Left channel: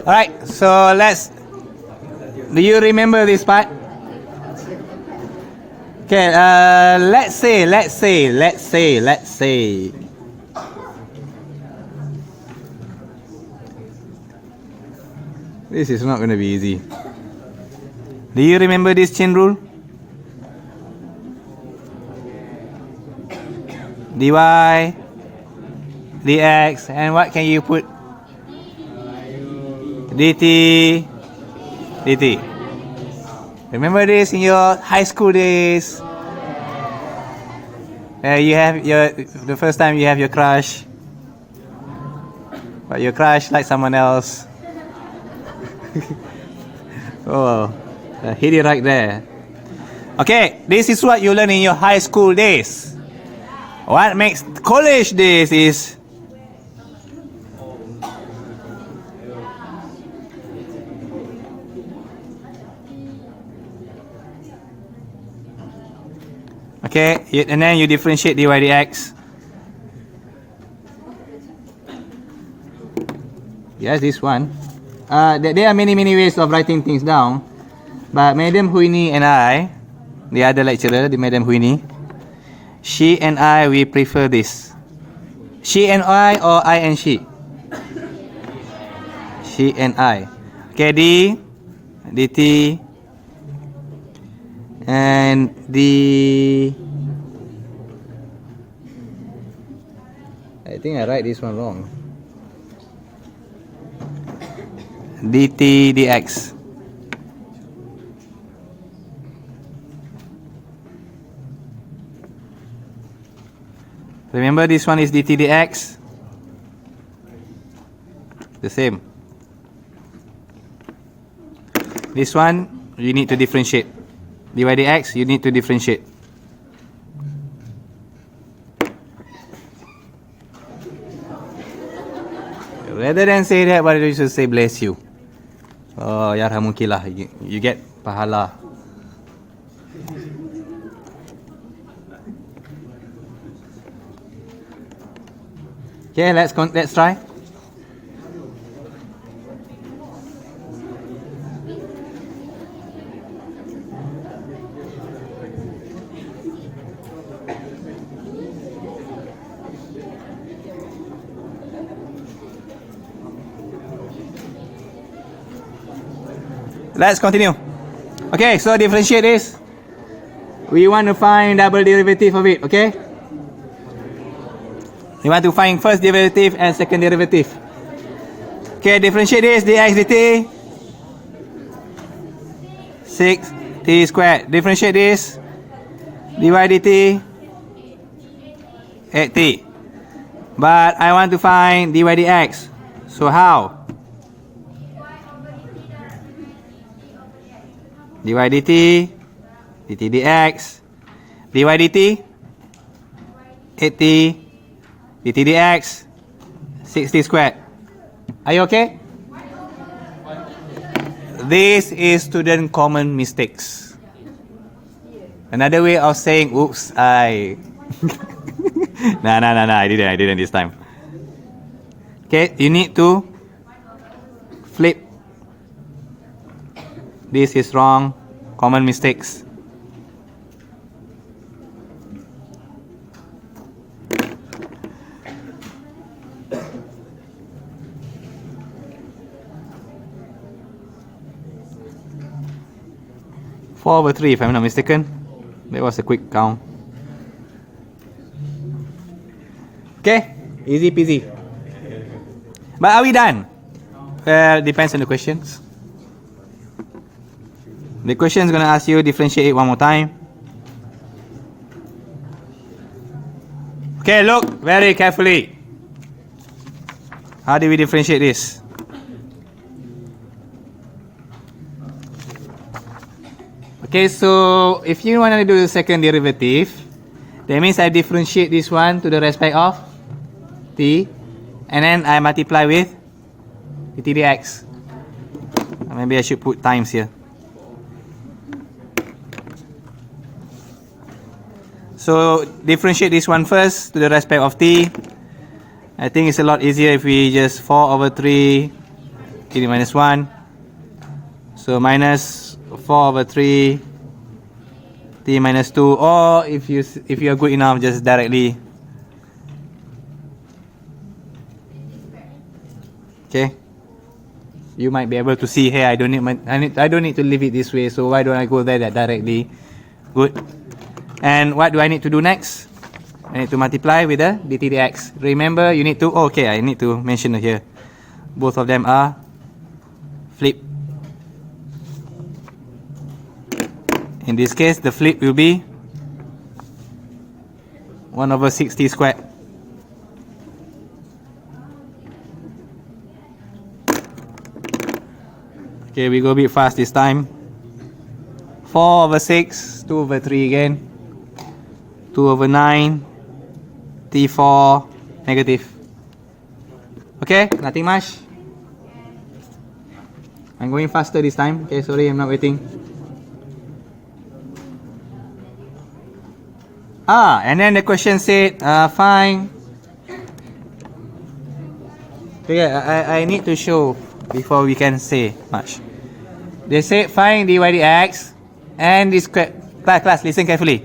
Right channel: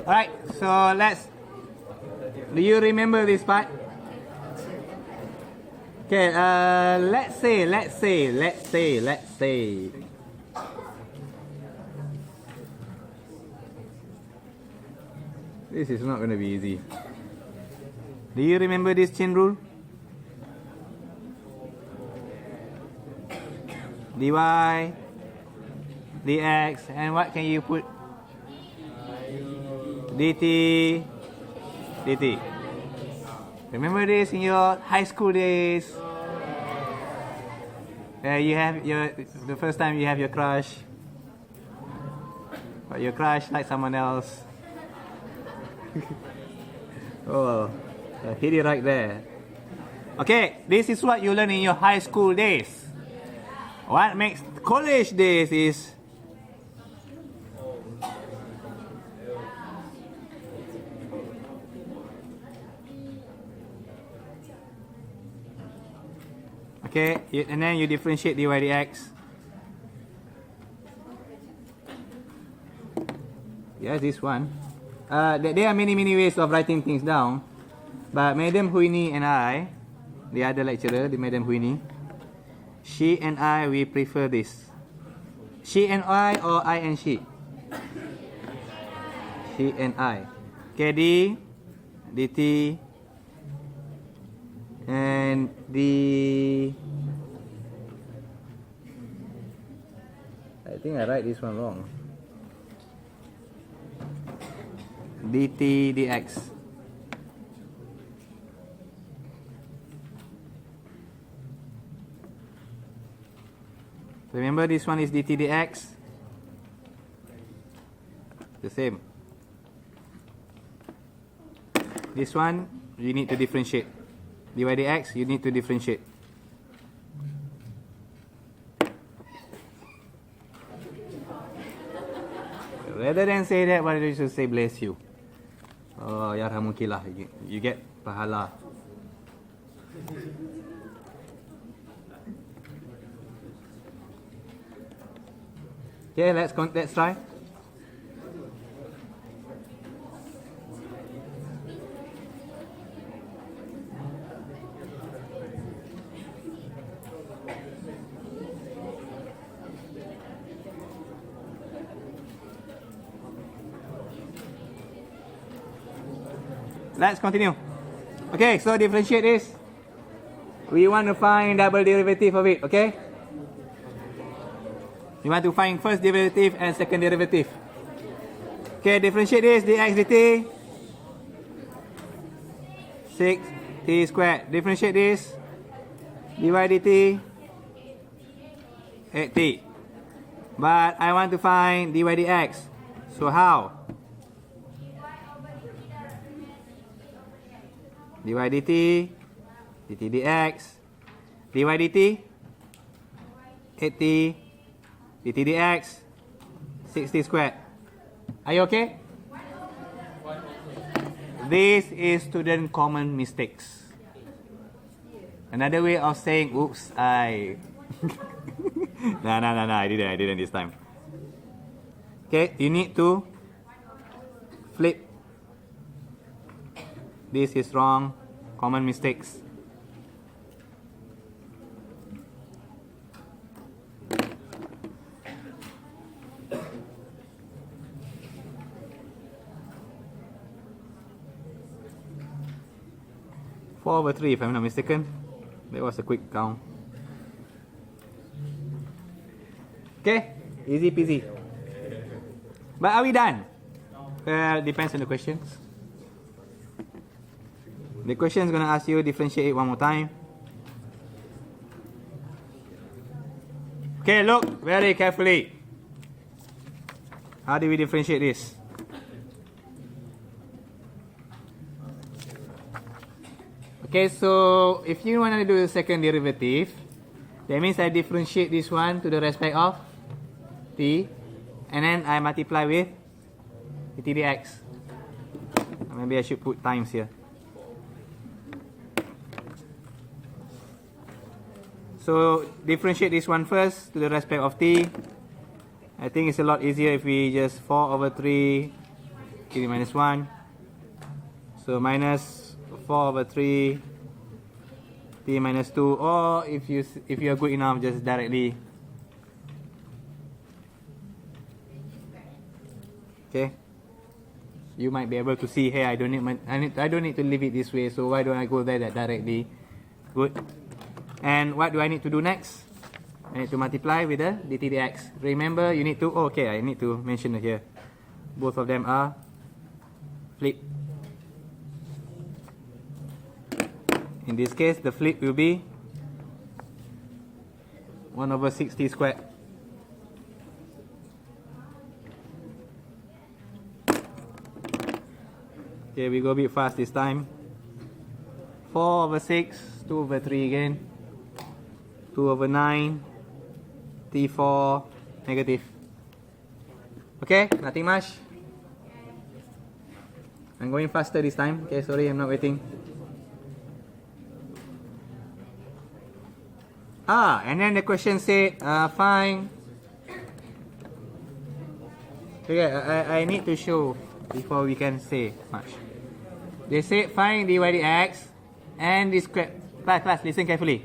Alright, so do you remember this part? Okay, let's say. This is not going to be easy. Do you remember this chain rule? dy, dx, and what can you put? dt, dt. Remember this in your high school days? You have the first time you have your crush, but your crush likes someone else. Oh, I hit it right there. Okay, this is what you learn in your high school days. What makes college days is okay, and then you differentiate dy dx. Yes, this one. There are many ways of writing things down, but Madam Huini and I, the other lecturer, the Madam Huini, she and I, we prefer this. She and I or I and she? She and I. Okay, d, dt, and the... I think I write this one wrong. dt dx. Remember, this one is dt dx. The same. This one you need to differentiate. dy dx you need to differentiate. Rather than say that, why do you should say bless you? Oh, yarhamukillah, you get pahala. Okay, let's try. Let's continue. Okay, so differentiate this. We want to find double derivative of it, okay? We want to find first derivative and second derivative. Okay, differentiate this, dx dt. 6t squared. Differentiate this, dy dt. 8t. But I want to find dy dx. So how? dy dt, dt dx, dy dt, 8t, dt dx, 6t squared. Are you okay? This is student common mistakes. Another way of saying, oops, I... No, I didn't this time. Okay, you need to flip. This is wrong. Common mistakes. Four over 3, if I'm not mistaken. That was a quick count. Okay, easy peasy. But are we done? Well, depends on the questions. The question is going to ask you differentiate it one more time. Okay, look very carefully. How do we differentiate this? Okay, so if you want to do the second derivative, that means I differentiate this one to the respect of t, and then I multiply with dt dx. Maybe I should put times here. So differentiate this one first to the respect of t. I think it's a lot easier if we just 4 over 3 e minus 1. So minus 4 over 3 t minus 2, or if you're good enough, just directly. Okay, you might be able to see here. I don't need to leave it this way. So why don't I go there that directly? Good. And what do I need to do next? I need to multiply with the dt dx. Remember, you need to. Oh, okay, I need to mention here. Both of them are flip. In this case, the flip will be 1 over 6t squared. Okay, we go a bit fast this time. 4 over 6, 2 over 3 again. 2 over 9, t4, negative. Okay, nothing much. I'm going faster this time. Okay, sorry, I'm not waiting. And then the question said, find. Okay, I need to show before we can say much. They say find dy dx and this class, listen carefully.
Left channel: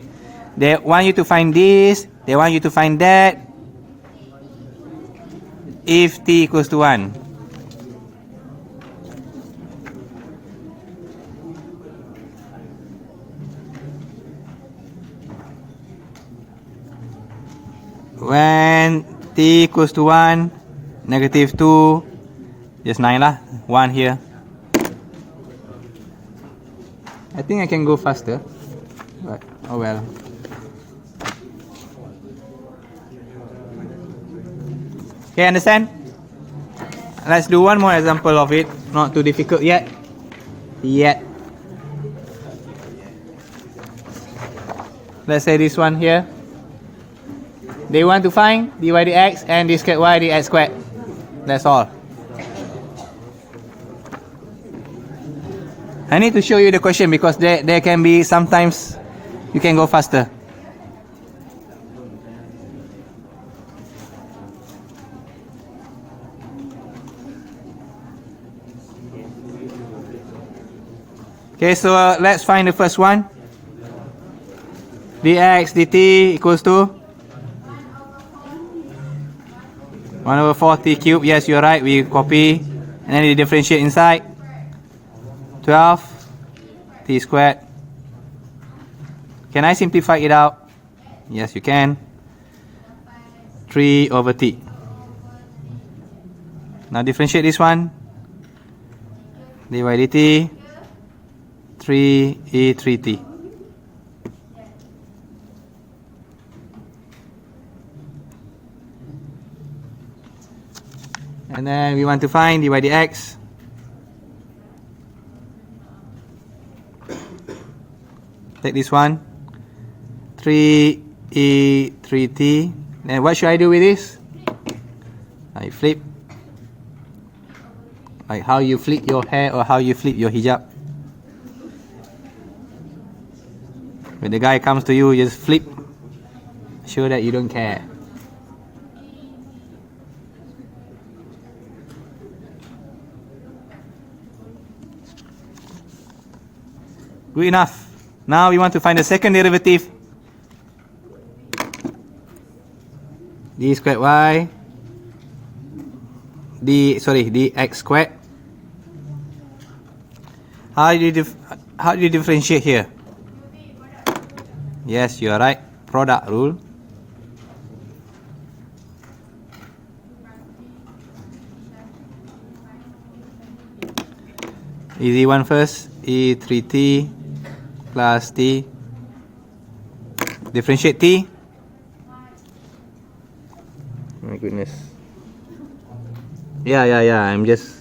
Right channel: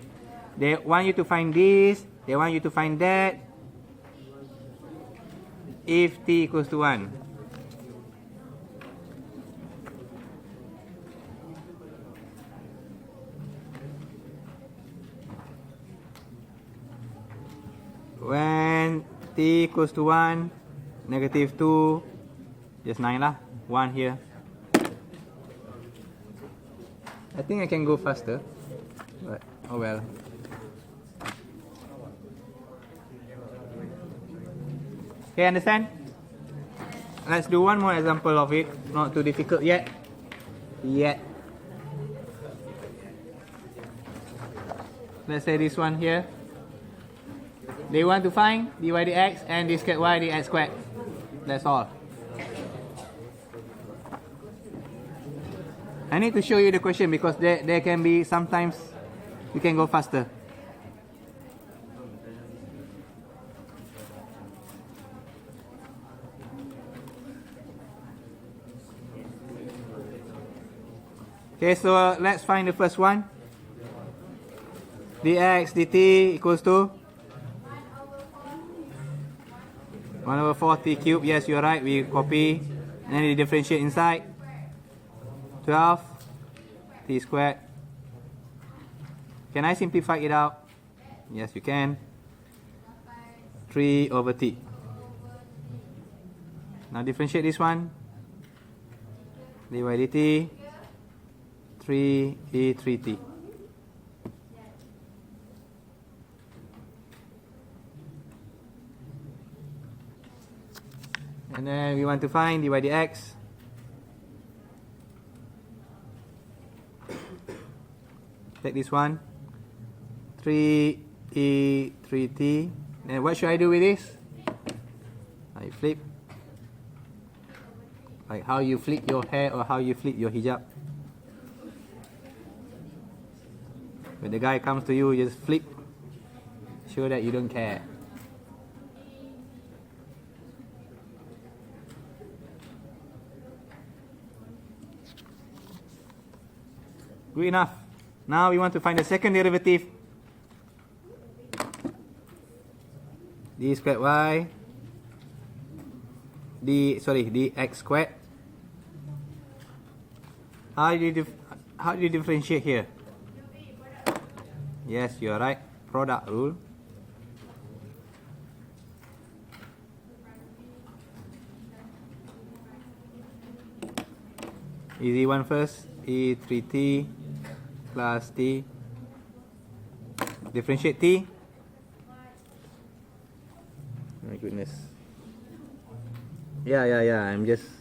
They want you to find this, they want you to find that if t equals to 1. When t equals to 1, negative 2, just 9 lah, 1 here. I think I can go faster, but oh well. Okay, understand? Let's do one more example of it, not too difficult yet. Let's say this one here. They want to find dy dx and d squared y dx squared. That's all. I need to show you the question because there can be sometimes you can go faster. Okay, so let's find the first one. dx dt equals to 1 over 4t cubed. Yes, you're right. We copy and then we differentiate inside. 12 t squared. Can I simplify it out? Yes, you can. 3 over t. Now differentiate this one. dy dt 3e3t. And then we want to find dy dx. Take this one, 3e3t. Then what should I do with this? I flip. Like how you flip your hair or how you flip your hijab. When the guy comes to you, you just flip. Show that you don't care. Good enough. Now we want to find the second derivative. d squared y dx squared. How do you differentiate here? Yes, you are right. Product rule. Easy one first. e3t plus t. Differentiate t. My goodness. Yeah. I'm just.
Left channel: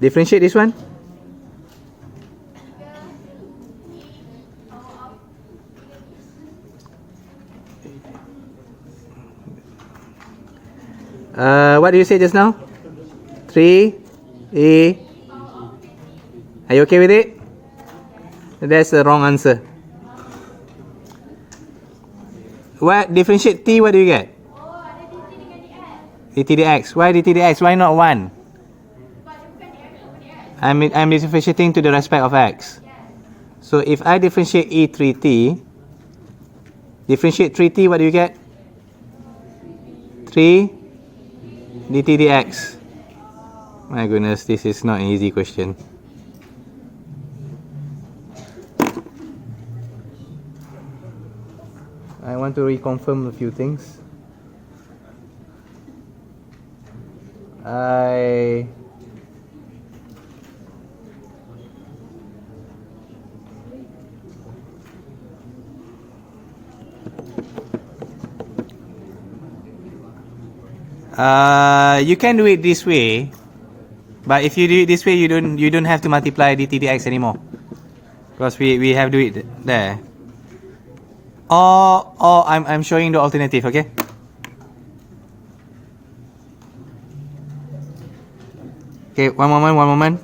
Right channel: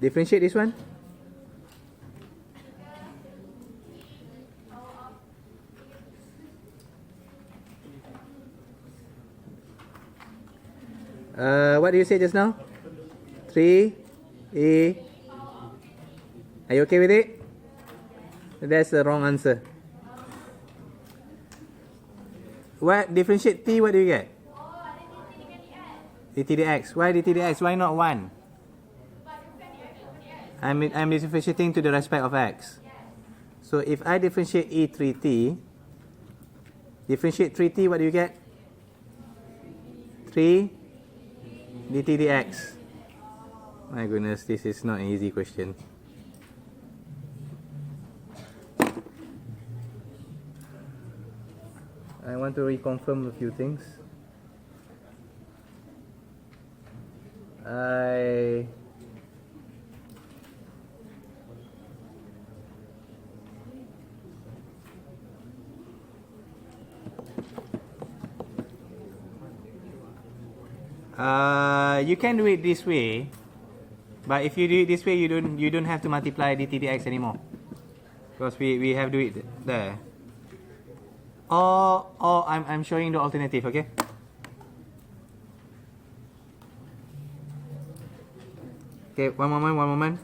Differentiate this one. What do you say just now? 3e. Are you okay with it? That's the wrong answer. What differentiate t? What do you get? dt dx. Why dt dx? Why not 1? I'm differentiating to the respect of x. So if I differentiate e3t, differentiate 3t, what do you get? 3 dt dx. My goodness, this is not an easy question. I want to reconfirm a few things. You can do it this way, but if you do it this way, you don't have to multiply dt dx anymore, because we have to do it there. Or I'm showing the alternative, okay? Okay, one moment.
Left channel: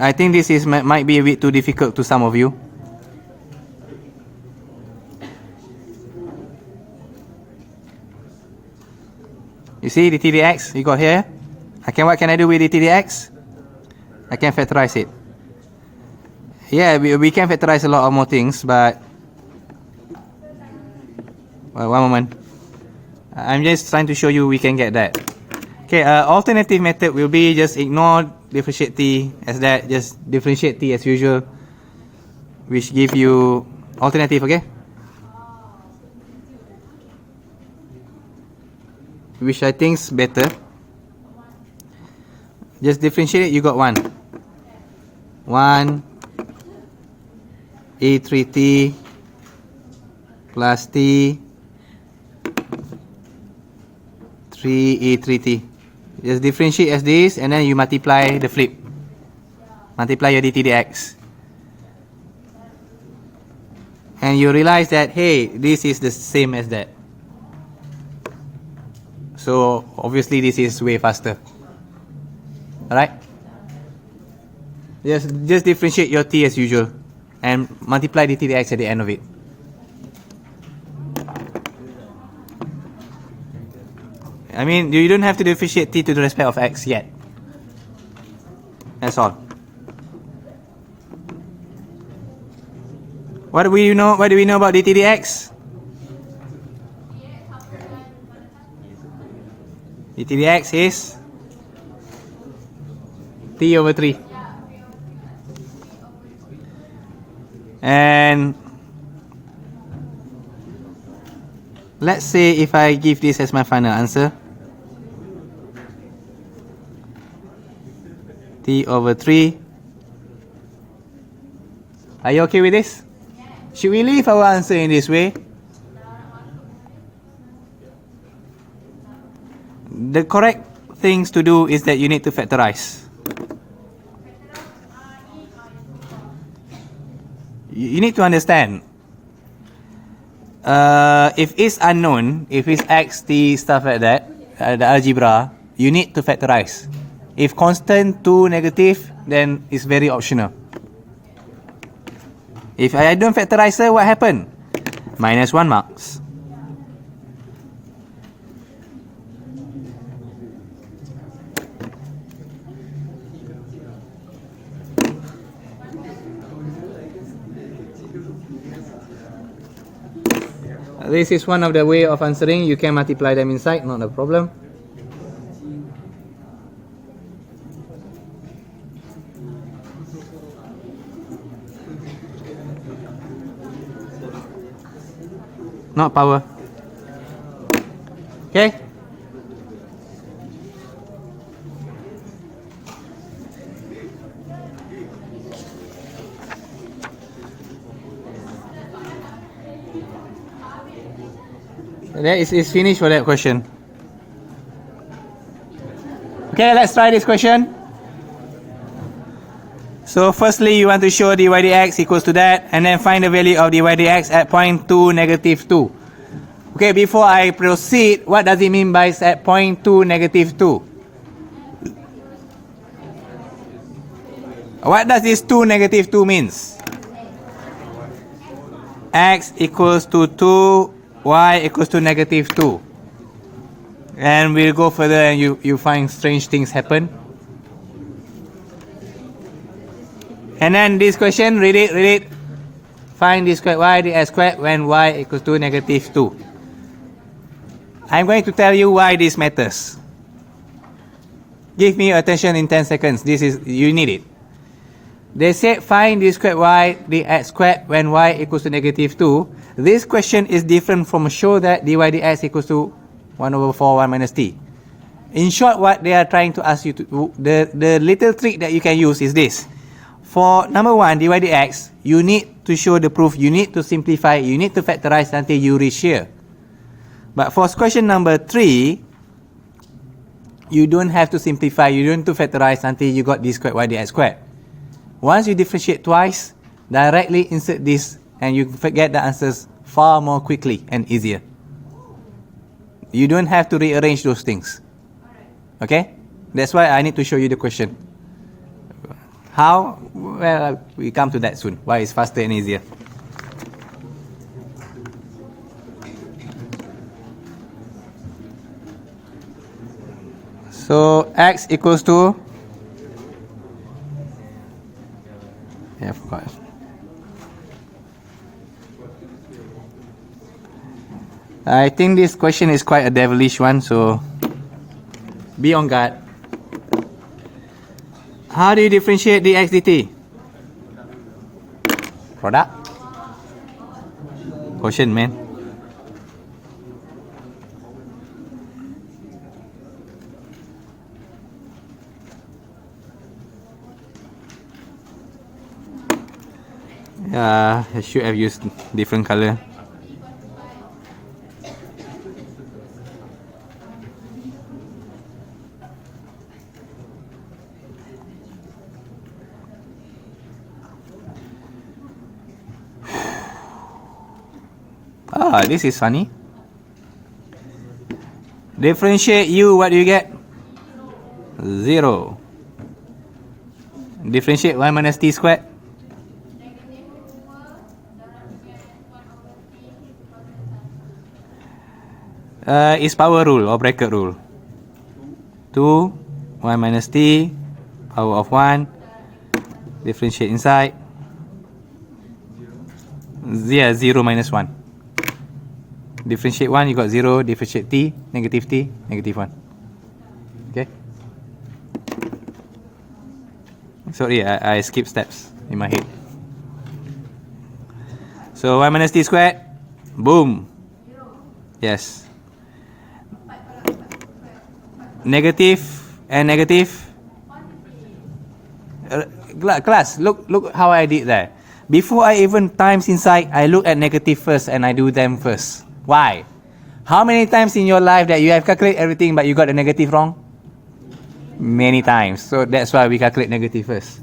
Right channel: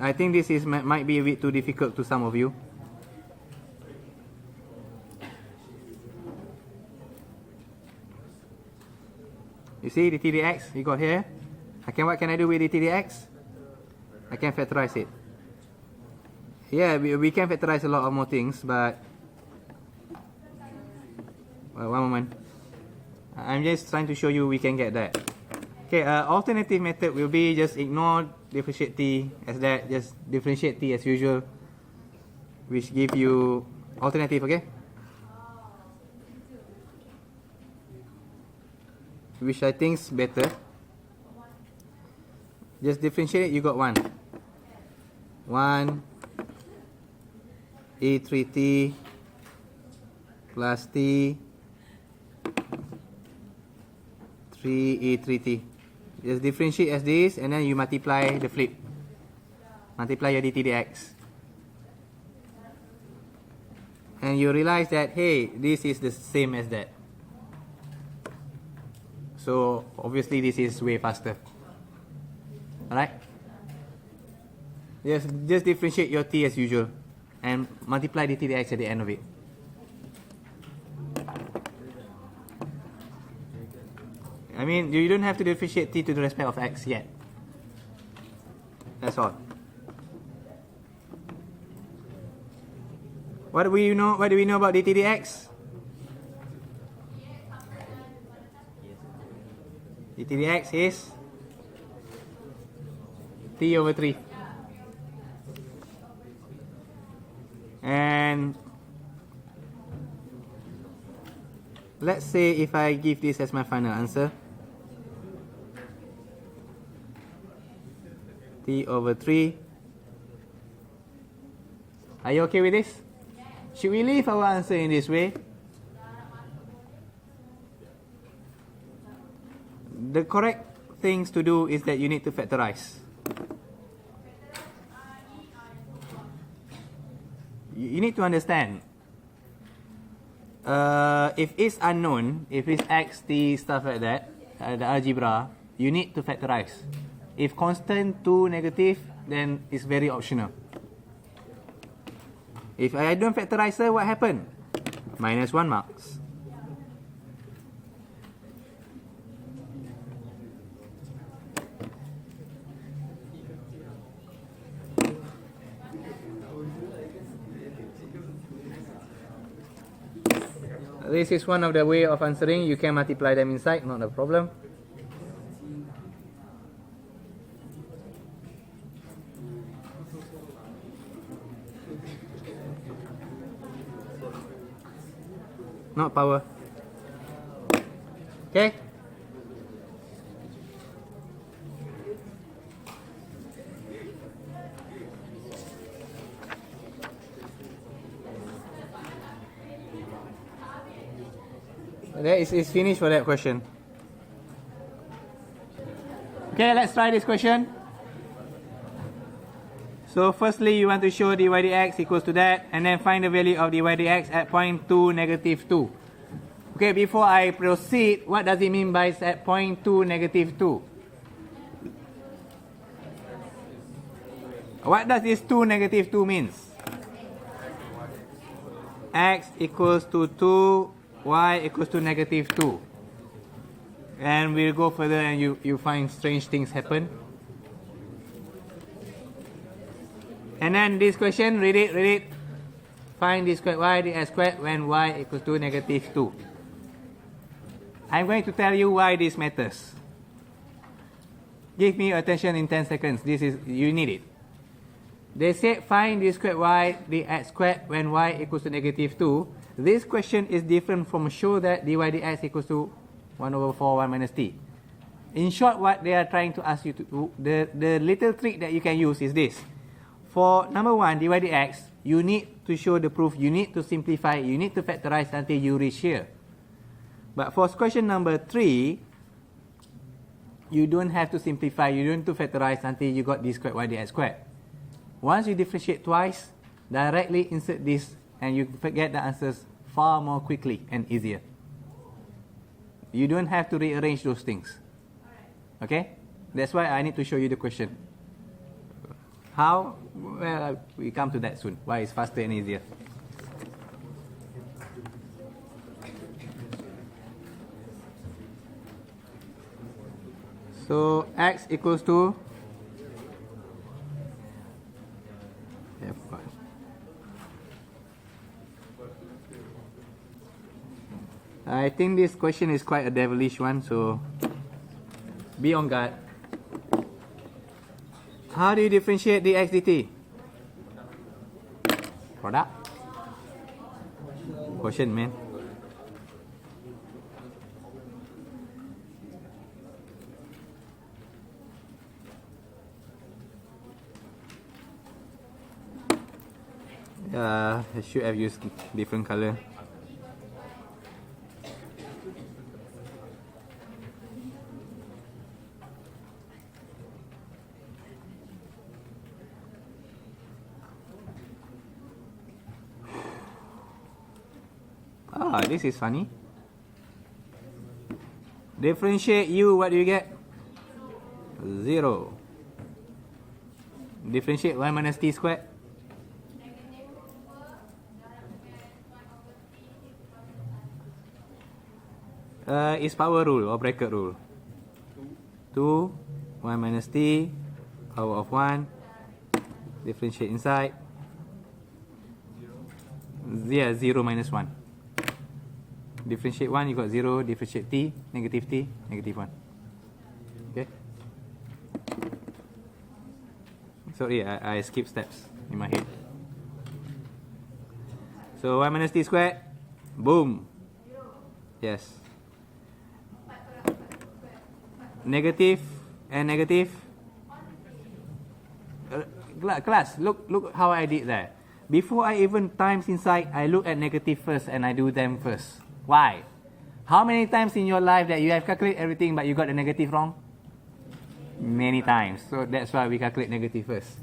I think this might be a bit too difficult to some of you. You see dt dx you got here. What can I do with dt dx? I can factorize it. Yeah, we can factorize a lot of more things, but one moment. I'm just trying to show you we can get that. Okay, alternative method will be just ignore differentiate t as that, just differentiate t as usual, which give you alternative, okay? Which I think is better. Just differentiate it, you got 1 e3t plus t 3 e3t. Just differentiate as this, and then you multiply the flip. Multiply your dt dx. And you realize that, hey, this is the same as that. So obviously this is way faster. Alright? Just differentiate your t as usual and multiply dt dx at the end of it. I mean, you don't have to differentiate t to the respect of x yet. That's all. What do we know about dt dx? dt dx is t over 3. And let's say if I give this as my final answer, t over 3. Are you okay with this? Should we leave our answer in this way? The correct things to do is that you need to factorize. You need to understand, if it's unknown, if it's x, t, stuff like that, the algebra, you need to factorize. If constant 2 negative, then it's very optional. If I don't factorize, what happened? Minus 1 marks. This is one of the way of answering. You can multiply them inside, not a problem. Not power. Okay? That is finished for that question. Okay, let's try this question. So firstly, you want to show dy dx equals to that, and then find the value of dy dx at point 2, negative 2. Okay, before I proceed, what does it mean by at point 2, negative 2? What does this 2 negative 2 means? X equals to 2, y equals to negative 2. And we'll go further and you find strange things happen. And then this question, read it. Find d squared y dx squared when y equals to negative 2. I'm going to tell you why this matters. Give me attention in 10 seconds. You need it. They said find d squared y dx squared when y equals to negative 2. This question is different from show that dy dx equals to 1 over 4 1 minus t. In short, what they are trying to ask you to, the little trick that you can use is this. For number 1, dy dx, you need to show the proof, you need to simplify, you need to factorize until you reach here. But for question number 3, you don't have to simplify, you don't have to factorize until you got d squared y dx squared. Once you differentiate twice, directly insert this and you get the answers far more quickly and easier. You don't have to rearrange those things. Okay? That's why I need to show you the question. How? Well, we come to that soon. Why it's faster and easier. So x equals to, yeah, of course. I think this question is quite a devilish one, so be on guard. How do you differentiate dx dt? Product? Quotient, man. I should have used different color. This is funny. Differentiate u, what do you get? 0. Differentiate y minus t squared. Is power rule or bracket rule. 2, y minus t, power of 1. Differentiate inside. 0 minus 1. Differentiate 1, you got 0. Differentiate t, negative 1. Okay? Sorry, I skipped steps in my head. So y minus t squared, boom. Yes. Negative and negative. Class, look how I did that. Before I even times inside, I look at negative first and I do them first. Why? How many times in your life that you have calculated everything but you got the negative wrong? Many times. So that's why we calculate negative first.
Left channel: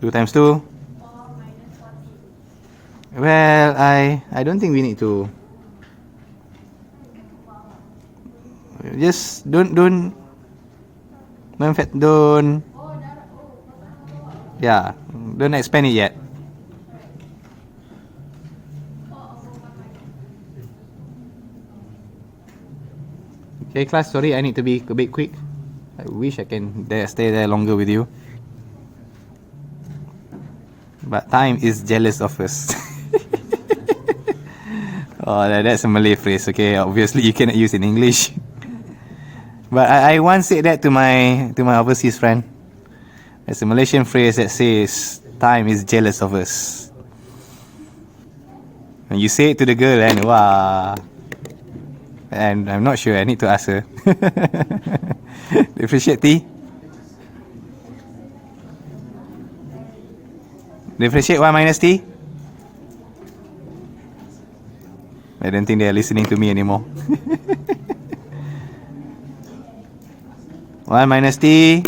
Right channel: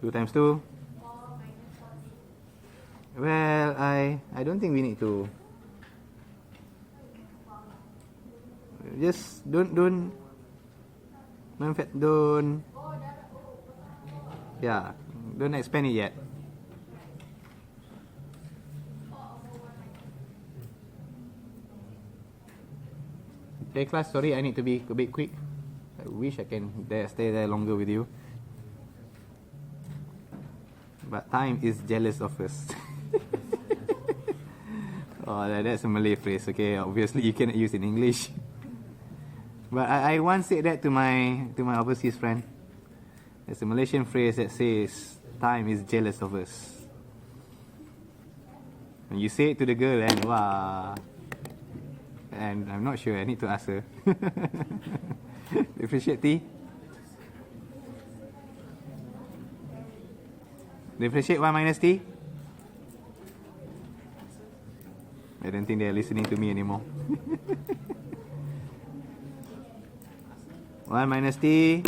2 times 2. Well, I don't think we need to. Just don't yeah, don't expand it yet. Okay, class, sorry, I need to be a bit quick. I wish I can stay there longer with you. But time is jealous of us. Oh, that's a Malay phrase, okay? Obviously, you cannot use it in English. But I once said that to my overseas friend. It's a Malaysian phrase that says, time is jealous of us. And you say it to the girl and wow. And I'm not sure, I need to ask her. Differentiate t. Differentiate y minus t. I don't think they're listening to me anymore. y minus t.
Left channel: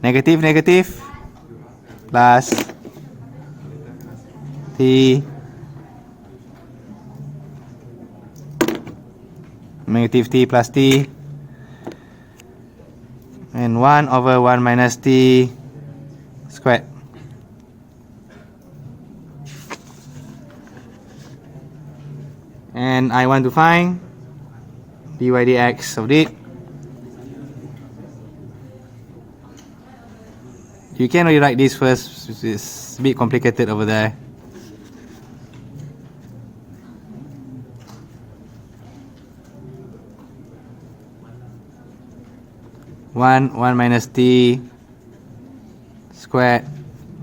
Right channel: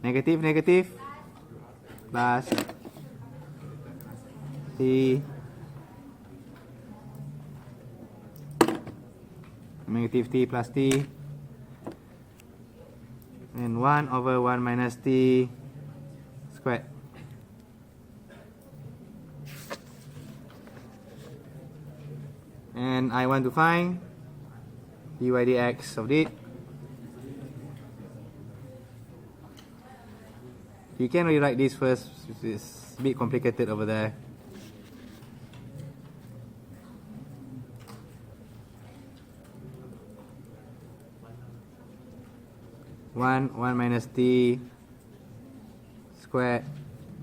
Negative. Plus t. Negative t plus t. and 1 over 1 minus t squared. And I want to find dy dx of it. You can rewrite this first, it's a bit complicated over there. One minus t squared.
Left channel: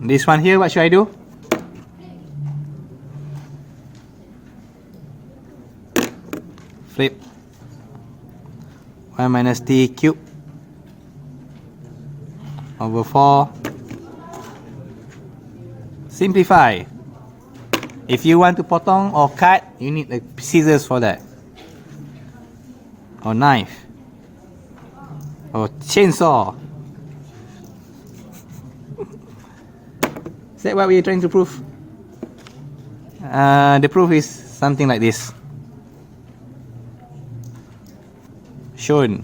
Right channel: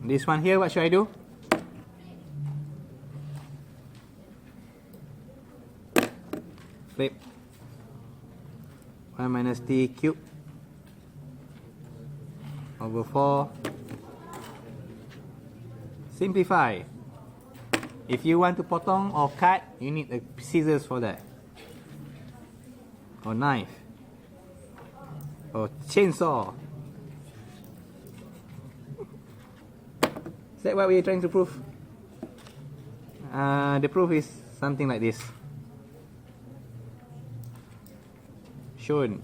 This one here, what should I do? Flip. 1 minus t cubed over 4. Simplify. If you want to potong or cut, you need the scissors for that, or knife, or chainsaw. Is that what we're trying to prove? The proof is something like this. Shown.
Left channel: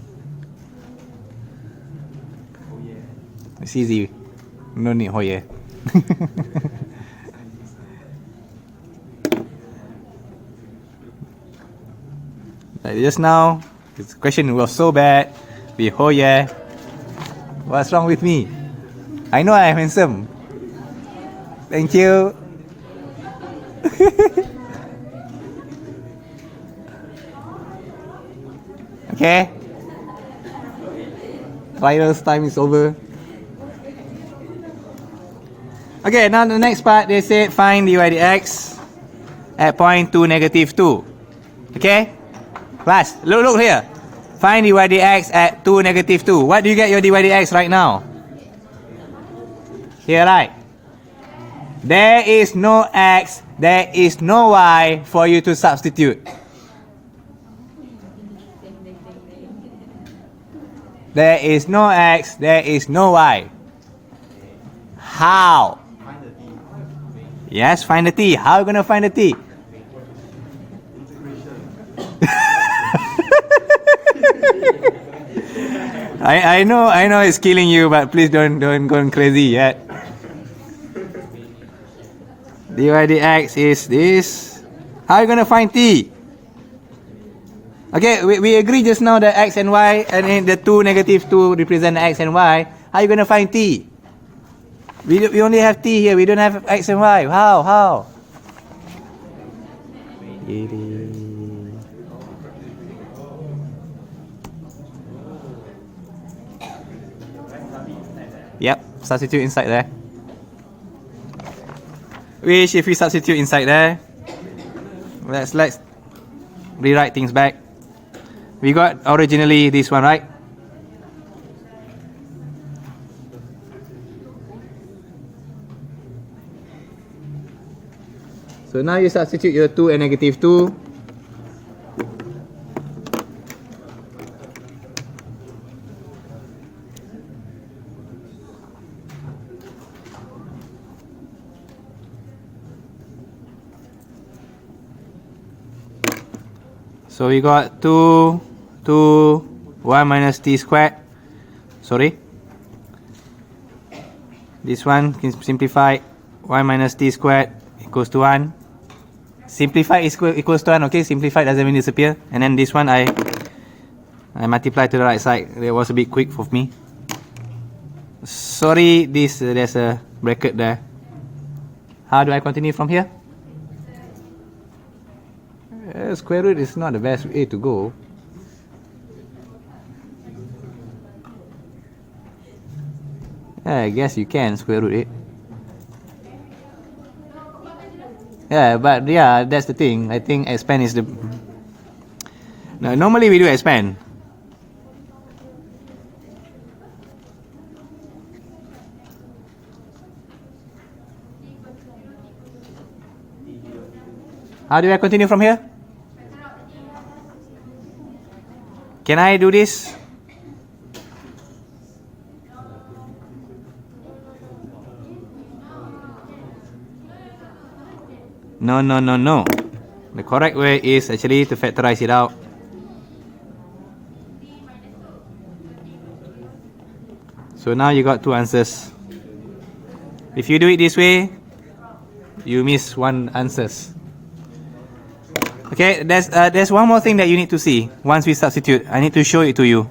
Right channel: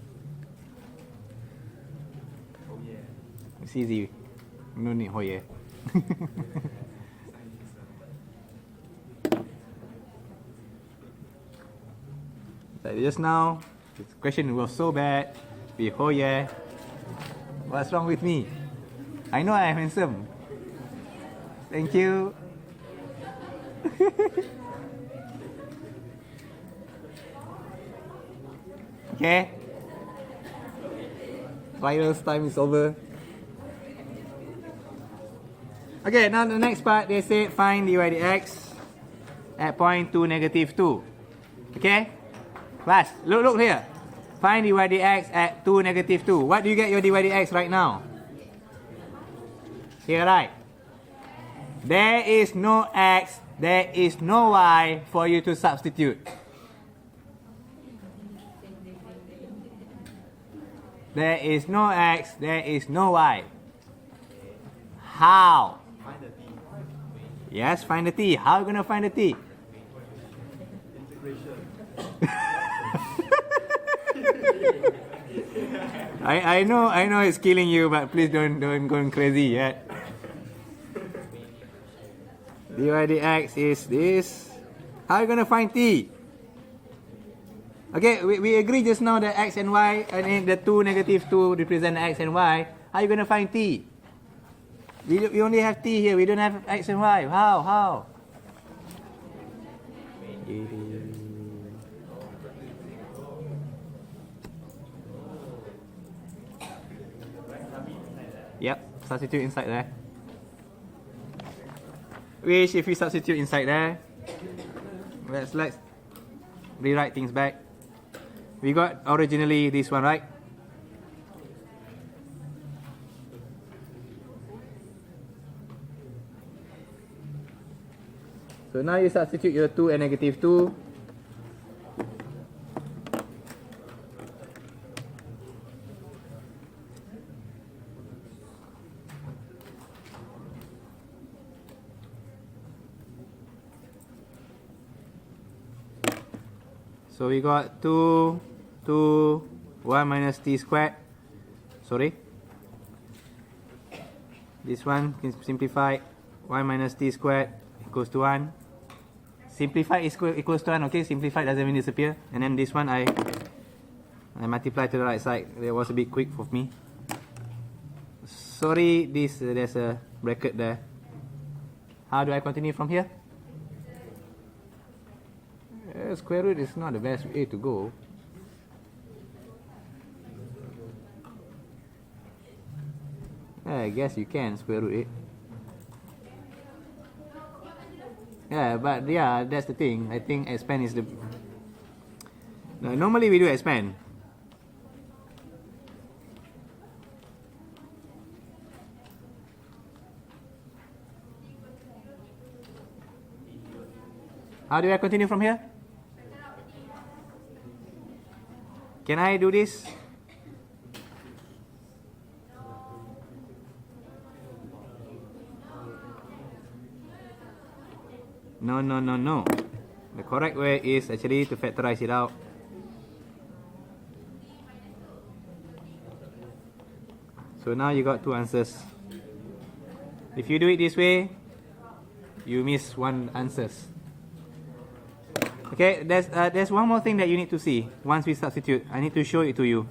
It's easy. No need Hoyer. Like just now, the question was so bad. With Hoyer. What's wrong with me? I know I am handsome. Thank you. Okay. Trials time is over. Okay, now the next part, they said find dy dx at point 2, negative 2. Okay? Class, look here. Find dy dx at 2, negative 2. What do you get your dy dx right now? Here, right? There is no x, there is no y for you to substitute. There is no x, there is no y. How? Yes, find the t. How are you going to find the t? I know it's killing you, but please don't go crazy yet. Dy dx is this. How are you going to find t? Okay, we agree just now that x and y, and in the 2, negative 2 represent x and y. How are you going to find t? We only have t here, we don't have x and y. How? Yep, substitute inside there. Which if we substitute inside there, let's rewrite things back. We got originally this one, right? So now you substitute your 2 and negative 2. So we got 2, 1 minus t squared. Sorry. This one can simplify. 1 minus t squared equals to 1. Simplify is equals to 1, okay? Simplify doesn't mean disappear. And then this one I multiply to the right side. That was a bit quick for me. Sorry, there's a bracket there. How do I continue from here? Square root is not the best way to go. I guess you can square root it. Yeah, but yeah, that's the thing. I think expand is the... No, normally we do expand. How do I continue from here? Can I do this? No. The correct way is actually to factorize it out. So now you got two answers. If you do it this way, you miss one answers. Okay, there's one more thing that you need to see once we substitute. I need to show it to you.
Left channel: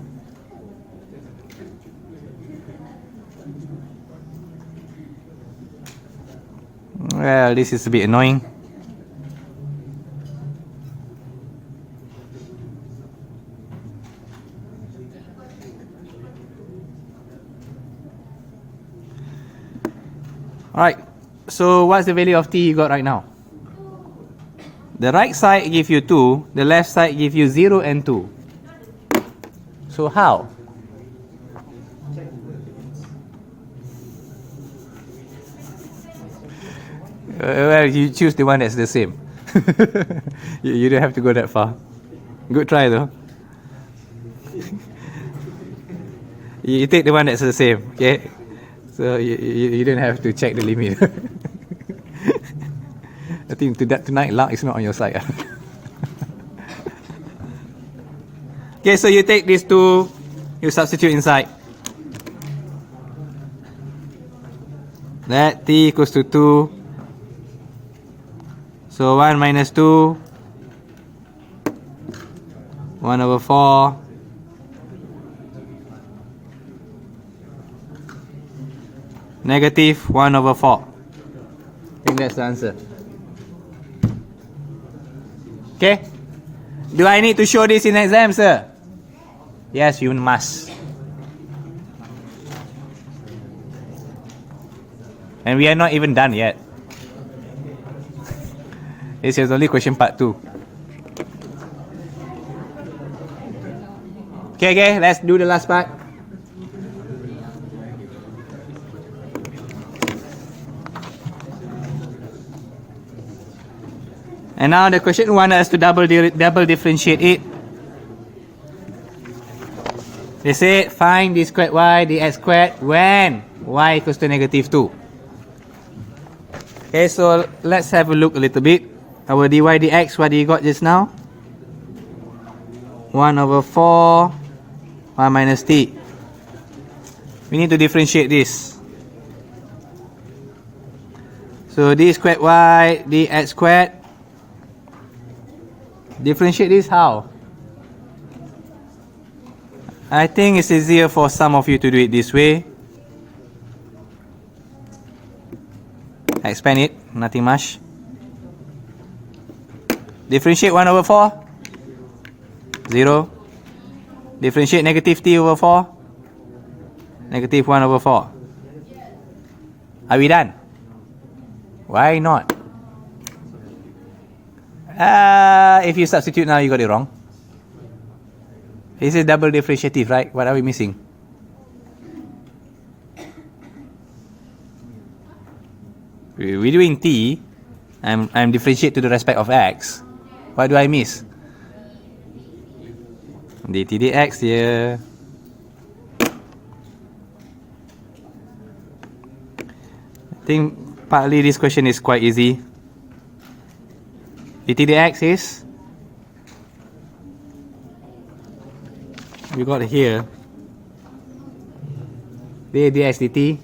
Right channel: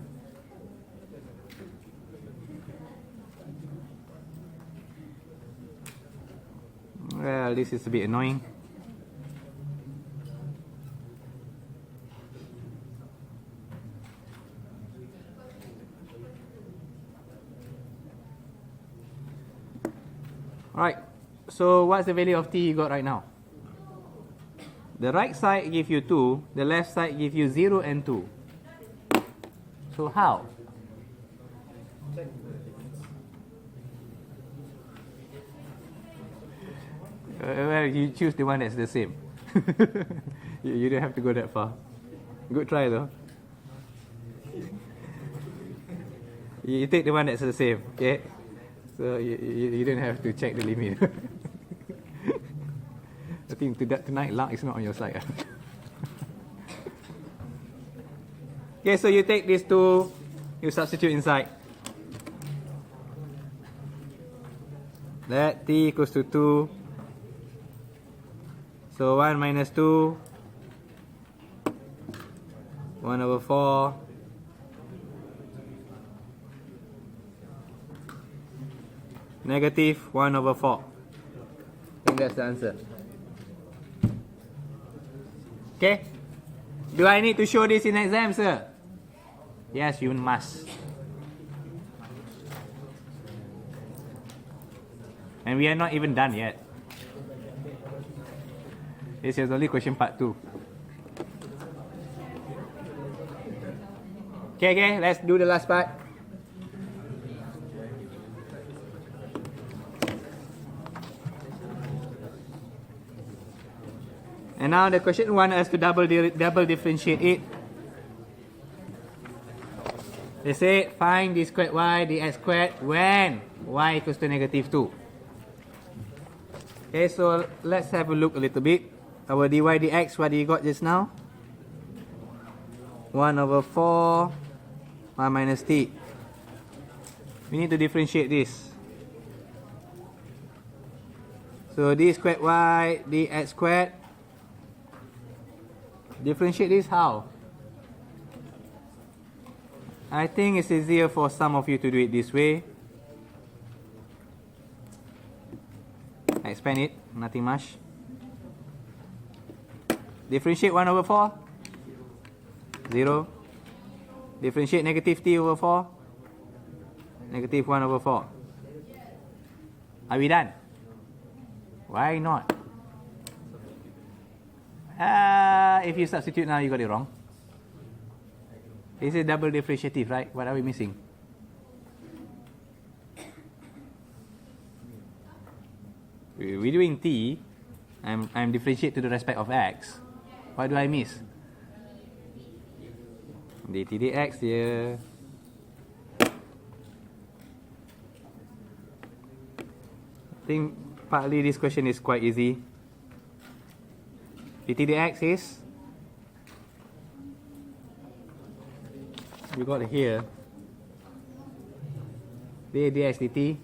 Well, this is a bit annoying. Alright, so what's the value of t you got right now? The right side give you 2, the left side give you 0 and 2. So how? Well, you choose the one that's the same. You don't have to go that far. Good try though. You take the one that's the same, okay? So you don't have to check the limit. I think tonight luck is not on your side. Okay, so you take these two, you substitute inside. That t equals to 2. So 1 minus 2, 1 over 4. Negative 1 over 4. I think that's the answer. Okay? Do I need to show this in exam, sir? Yes, you must. And we are not even done yet. This is only question part 2. Okay, let's do the last part. And now the question wants us to double differentiate it. They say find d squared y dx squared when y equals to negative 2. Okay, so let's have a look a little bit. Our dy dx, what do you got just now? 1 over 4, 1 minus t. We need to differentiate this. So d squared y dx squared. Differentiate this how? I think it's easier for some of you to do it this way. Expand it, nothing much. Differentiate 1 over 4. 0. Differentiate negative t over 4. Negative 1 over 4. Are we done? Why not? If you substitute now, you got it wrong. This is double differentiative, right? What are we missing? We're doing t. I'm differentiate to the respect of x. What do I miss? dt dx here. I think partly this question is quite easy. dt dx is, we got here d dx dt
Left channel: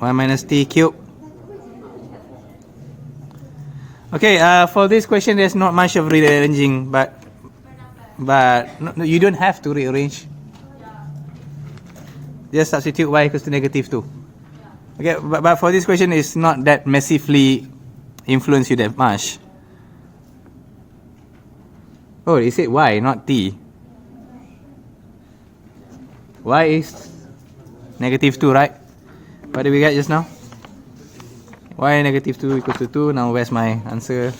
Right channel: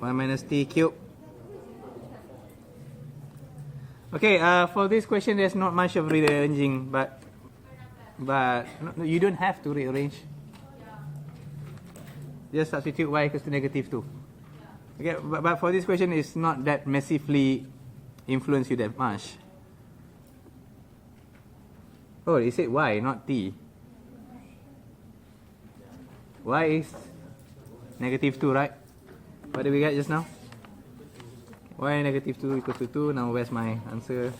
1 minus t cubed. Okay, for this question there's not much of rearranging, but no, you don't have to rearrange. Just substitute y equals to negative 2. Okay, but for this question it's not that massively influence you that much. Oh, it said y, not t. Y is negative 2, right? What did we get just now? Y negative 2 equals to 2. Now where's my answer?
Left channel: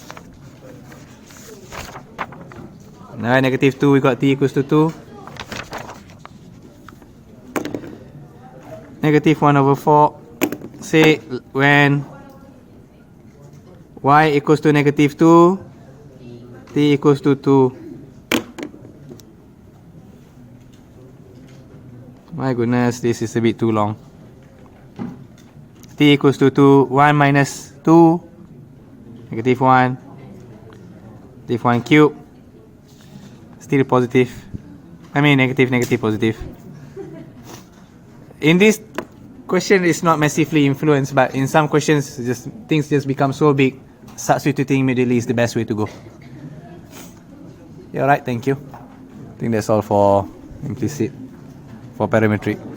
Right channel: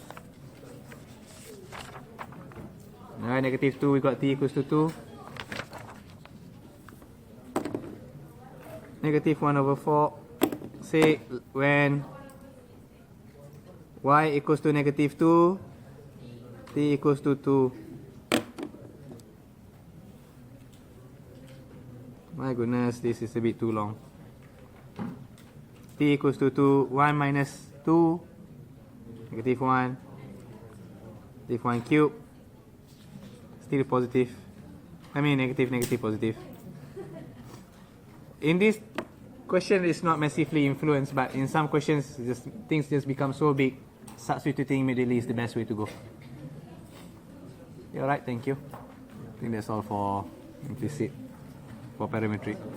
Now negative 2, we got t equals to 2. Negative 1 over 4. Say when y equals to negative 2, t equals to 2. My goodness, this is a bit too long. T equals to 2, 1 minus 2, negative 1, negative 1 cube, still positive. I mean negative, negative, positive. In this question, it's not massively influenced, but in some questions, things just become so big. Substituting immediately is the best way to go. Yeah, alright, thank you. I think that's all for implicit, for parametric.